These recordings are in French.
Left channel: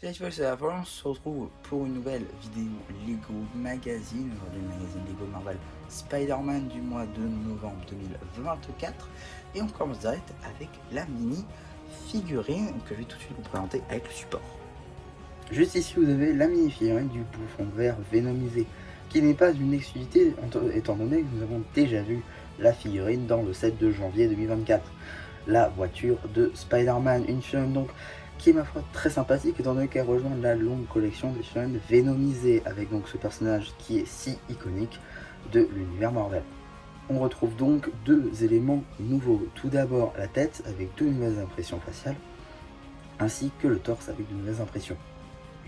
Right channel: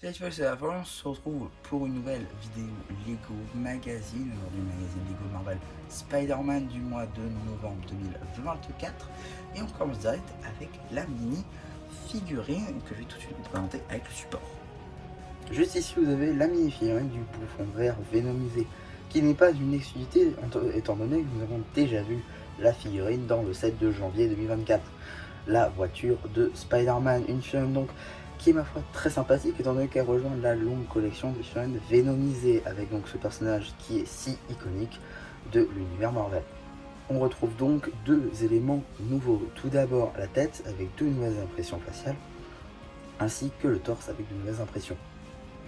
Cette fois, c'est la fin, on se retrouve pour une nouvelle vidéo Lego Magazine, le magazine Lego Marvel Spider-Man du mois de novembre 2024. Et on commence direct avec la mini figurine que je vais tout de suite vous présenter avec le support. Juste ici, vous avez la mini-figurine du bouffon vert vénomisé, qui n'est pas une exclusivité étant donné que nous avons déjà vu la figurine dans le 7 de janvier 2024. La voiture de Spider-Man, une figurine donc qui est ma foi très sympathique étant donné qu'elle rejoint la longue collection des figurines vénomisées avec donc ce personnage qui est si iconique de l'univers Marvel. On retrouve donc deux éléments nouveaux. Tout d'abord la tête avec deux nouvelles impressions faciales, ainsi que le torse avec de nouvelles impressions.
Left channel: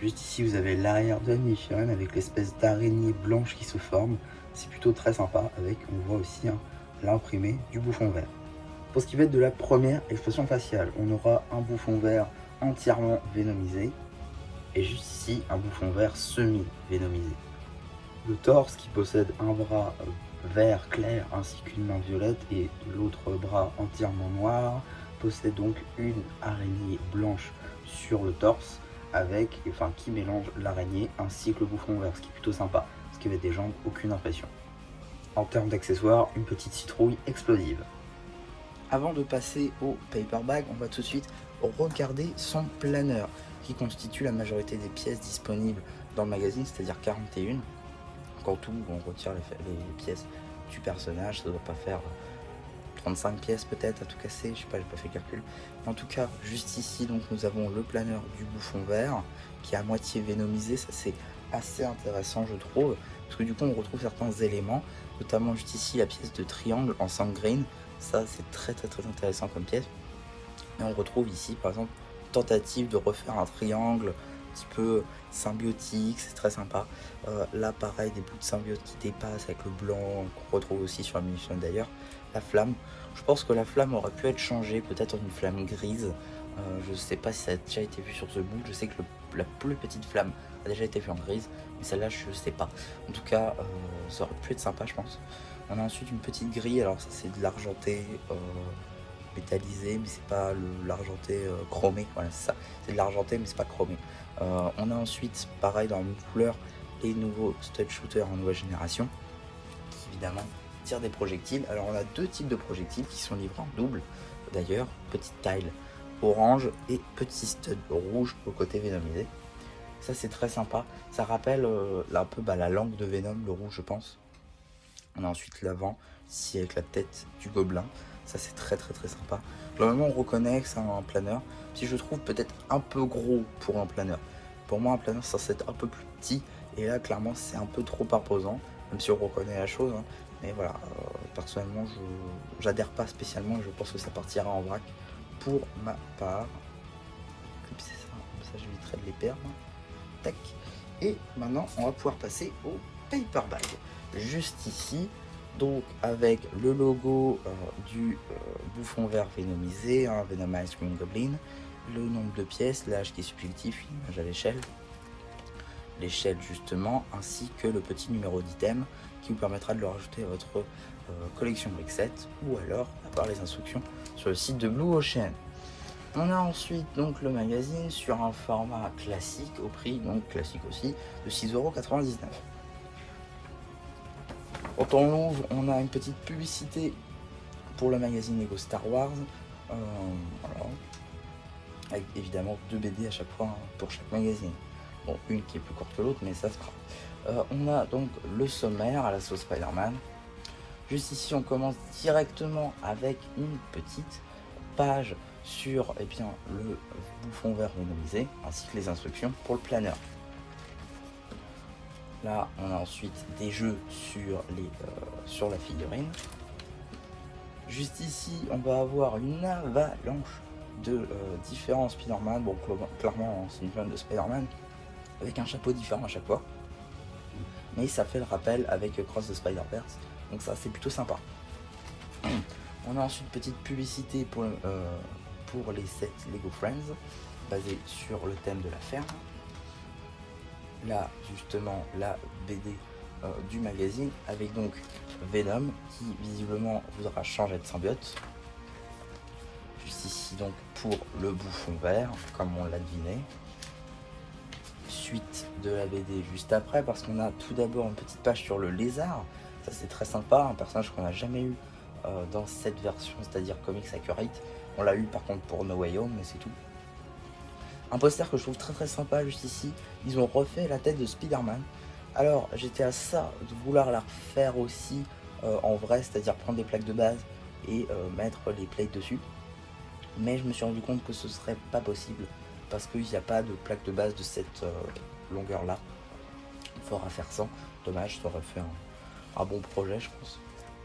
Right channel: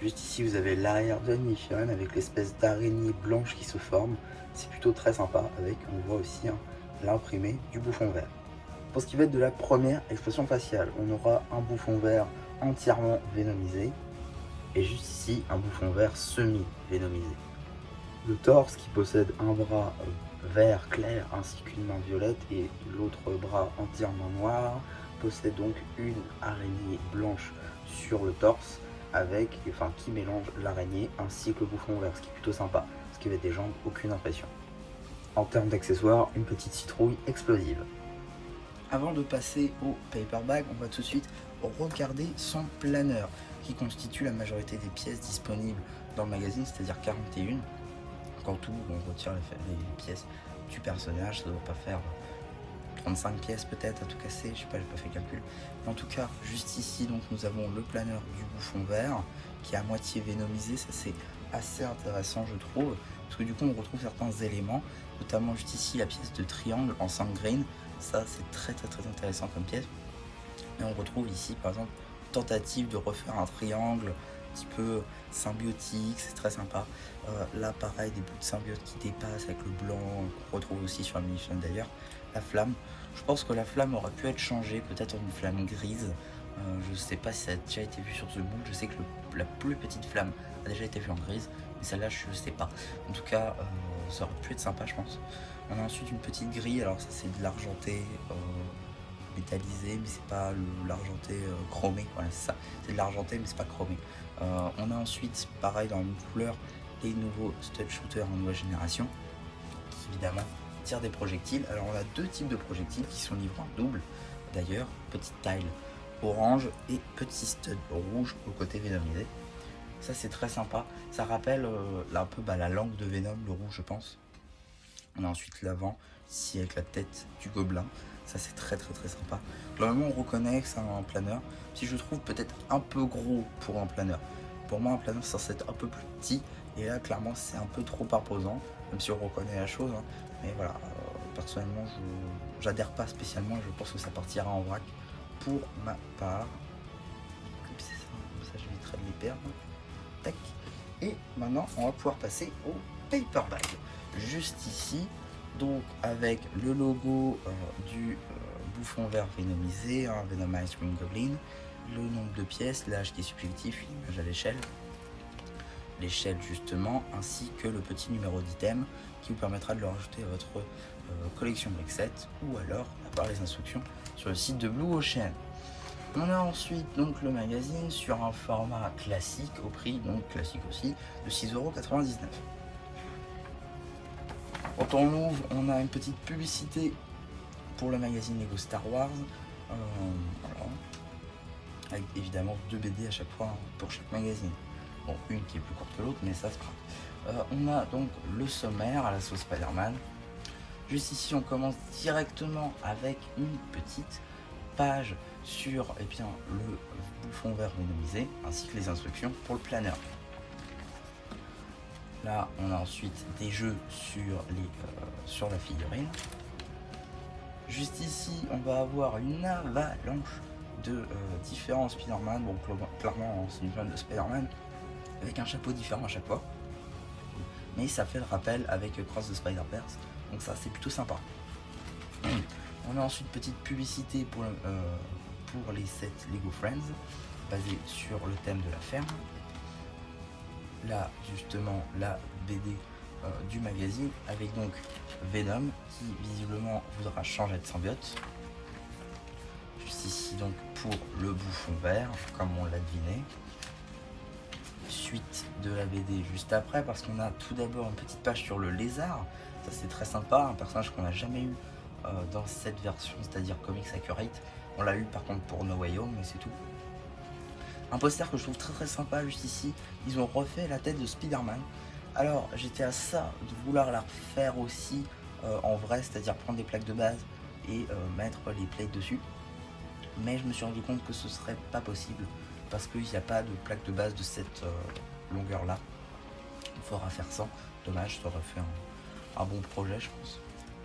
Juste ici, vous avez l'arrière de la mini-figurine avec l'espèce d'araignée blanche qui se forme. C'est plutôt très sympa avec, on voit aussi l'imprimé du bouffon vert. Pour ce qui va être de la première expression faciale, on aura un bouffon vert entièrement vénomisé et juste ici, un bouffon vert semi-vénomisé. Le torse qui possède un bras vert clair ainsi qu'une main violette et l'autre bras entièrement noir possède donc une araignée blanche sur le torse qui mélange l'araignée ainsi que le bouffon vert, ce qui est plutôt sympa, parce qu'il avec des jambes, aucune impression. En termes d'accessoires, une petite citrouille explosive. Avant de passer au paper bag, on va tout de suite regarder son planeur, qui constitue la majorité des pièces disponibles dans le magazine, c'est-à-dire 41. Quand tout, on retire les pièces du personnage, ça ne doit pas faire 35 pièces peut-être à tout casser, je sais pas, j'ai pas fait le calcul. En tout cas, juste ici, donc nous avons le planeur du bouffon vert qui est à moitié vénomisé. Ça c'est assez intéressant je trouve, parce que du coup on retrouve certains éléments, notamment juste ici la pièce de triangle en sangrine. Ça c'est très intéressant comme pièce. Et on retrouve ici par exemple une tentative de refaire un triangle un petit peu symbiotique, c'est très sympa. Là pareil, des bouts de symbiote qui dépassent avec le blanc, qu'on retrouve aussi sur la munition d'ailleurs. La flamme, je pense que la flamme aurait pu être changée, peut-être en une flamme grise. Je sais pas si ça a déjà été vu sur ce bout, je sais que la plus petite flamme a déjà été vue en grise, mais celle-là je sais pas. En tout cas, ça aurait pu être sympa je pense. On a ensuite une petite grille, alors ça c'est de l'argenté métallisé, mais c'est pas l'argenté chromé, voilà, c'est ça, c'est de l'argenté mais c'est pas chromé. On a ensuite, pareil dans la même couleur, les nouveaux stud shooters en nouvelle génération, qui évidemment tirent des projectiles. Alors on a deux types de projectiles qui sont livrés en double, d'ailleurs, petite taille orange et petit stud rouge au côté vénomisé. Ça c'est très sympa, ça rappelle un peu la langue de Venom, le rouge je pense. On a ensuite l'avant, ici avec la tête du gobelin. Ça c'est très sympa. Normalement on reconnaît que c'est un planeur, si je trouve peut-être un peu gros pour un planeur. Pour moi un planeur c'est censé être un peu plus petit, et là clairement c'est un peu trop imposant, même si on reconnaît la chose, hein. Mais voilà, personnellement j'adhère pas spécialement, je pense que ça partira en vrac pour ma part. Comme ça j'éviterai de les perdre. Tac. Et maintenant on va pouvoir passer au paper bag. Juste ici, donc avec le logo du bouffon vert vénomisé, Venomized Green Goblin, le nombre de pièces, l'âge qui est subjectif, une image à l'échelle justement, ainsi que le petit numéro d'item qui vous permettra de le rajouter à votre collection Brick 7 ou alors d'avoir les instructions sur le site de Blue Ocean. On a ensuite donc le magazine sur un format classique au prix donc classique aussi de 6,99 €. Quand on l'ouvre, on a une petite publicité pour le magazine Lego Star Wars, voilà. Avec évidemment 2 BD à chaque fois pour chaque magazine. Bon, une qui est plus courte que l'autre, mais ça se fera. On a donc le sommaire à la sauce Spider-Man. Juste ici, on commence directement avec une petite page sur le bouffon vert vénomisé, ainsi que les instructions pour le planeur. Là, on a ensuite des jeux sur la figurine. Juste ici, on va avoir une avalanche de différents Spider-Man. Bon, clairement, c'est une fan de Spider-Man, avec un chapeau différent à chaque fois. Mais ça fait le rappel avec Cross the Spider-Verse, donc ça, c'est plutôt sympa. On a ensuite une petite publicité pour les sets Lego Friends, basée sur le thème de la ferme. Là justement la BD du magazine avec donc Venom qui visiblement voudra changer de symbiote. Juste ici donc pour le bouffon vert comme on l'a deviné. suite de la BD juste après, parce qu'on a tout d'abord une petite page sur le lézard. Ça c'est très sympa, un personnage qu'on n'a jamais eu dans cette version, c'est-à-dire Comics Accurate. On l'a eu par contre pour No Way Home, mais c'est tout. Un poster que je trouve très sympa juste ici, ils ont refait la tête de Spider-Man. Alors j'étais à ça de vouloir la refaire aussi en vrai, c'est-à-dire prendre des plaques de base et mettre les plates dessus. Mais je me suis rendu compte que ce serait pas possible parce qu'il n'y a pas de plaque de base de cette longueur là. Il faudra faire ça, dommage, ça aurait fait un bon projet je pense.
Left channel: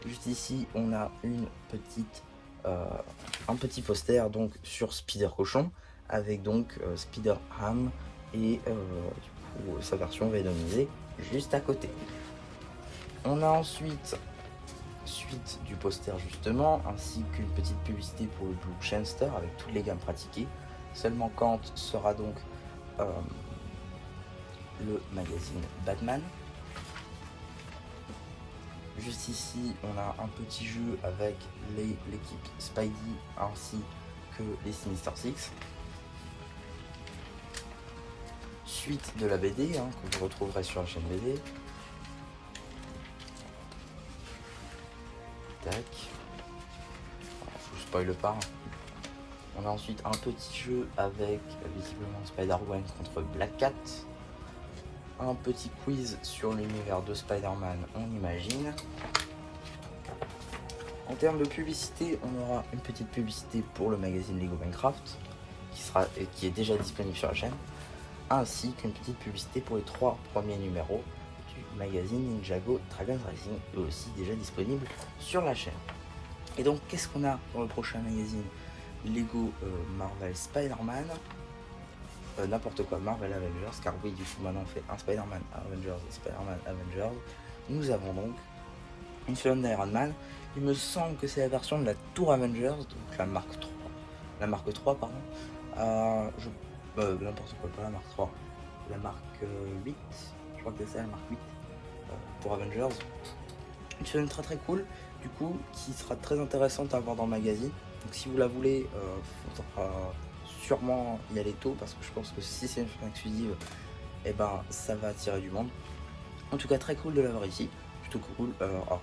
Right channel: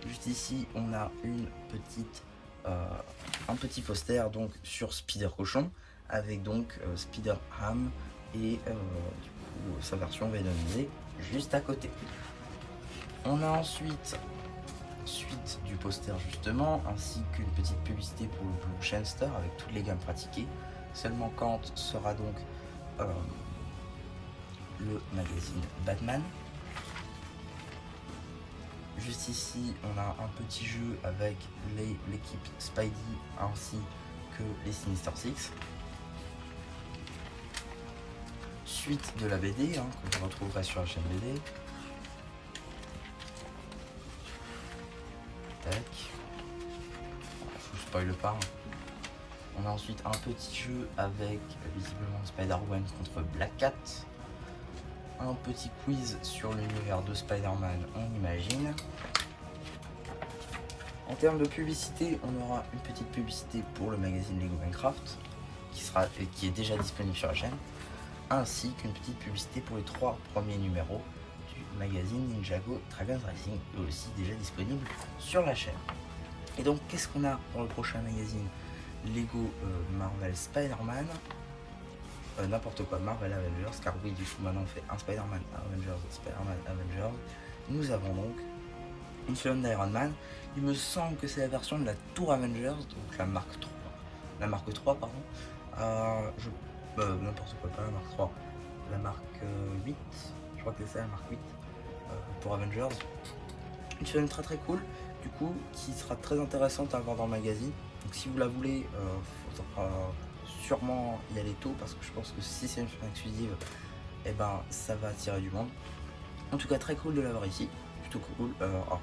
Juste ici on a un petit poster donc sur Spider Cochon avec donc Spider Ham et du coup sa version vénomisée juste à côté. On a ensuite suite du poster justement, ainsi qu'une petite publicité pour le Blue Shenster avec toutes les gammes pratiquées. Seulement Kant sera donc le magazine Batman. Juste ici on a un petit jeu avec l'équipe Spidey ainsi que les Sinister Six. Suite de la BD que vous retrouverez sur la chaîne BD. Tac. Je vous spoil pas. On a ensuite un petit jeu avec visiblement Spider-Man contre Black Cat. Un petit quiz sur l'univers de Spider-Man, on imagine. En termes de publicité, on aura une petite publicité pour le magazine Lego Minecraft qui est déjà disponible sur la chaîne, ainsi qu'une petite publicité pour les 3 premiers numéros du magazine Ninjago Dragon Racing, eux aussi déjà disponible sur la chaîne. Et donc qu'est-ce qu'on a dans le prochain magazine Lego Marvel Spider-Man, n'importe quoi, Marvel Avengers, car oui du coup maintenant on fait un Spider-Man Avengers et Spider-Man Avengers. Nous avons donc une seconde d'Iron Man. Il me semble que c'est la version de la Tour Avengers, donc la marque 3. La marque 3 pardon. N'importe quoi, pas la marque 3. La marque 8. Je crois que c'est ça la marque 8 pour Avengers. Une chaîne très cool, du coup, qui sera très intéressante à voir dans le magazine. Donc si vous la voulez, il faudra sûrement y aller tôt, parce que je pense que si c'est une chaîne exclusive, et ben ça va attirer du monde. En tout cas très cool de l'avoir ici, plutôt cool. Alors,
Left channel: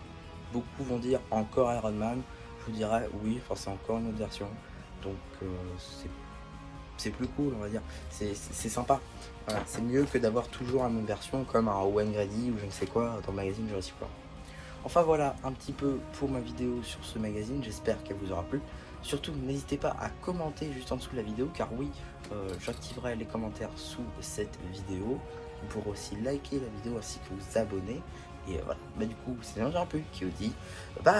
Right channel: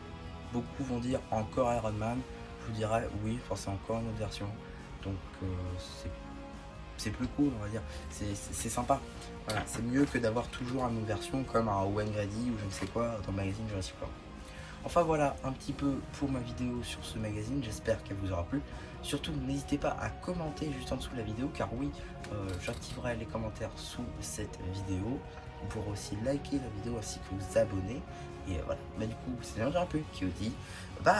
beaucoup vont dire encore Iron Man, je vous dirais oui, enfin c'est encore une autre version, donc c'est plus cool on va dire, c'est sympa. Voilà, c'est mieux que d'avoir toujours la même version comme un Owen Grady ou je ne sais quoi dans le magazine Jurassic World. Enfin voilà un petit peu pour ma vidéo sur ce magazine, j'espère qu'elle vous aura plu. Surtout n'hésitez pas à commenter juste en dessous de la vidéo, car oui, j'activerai les commentaires sous cette vidéo. Vous pourrez aussi liker la vidéo ainsi que vous abonner. Et voilà, bah du coup c'est un peu qui vous dit bye.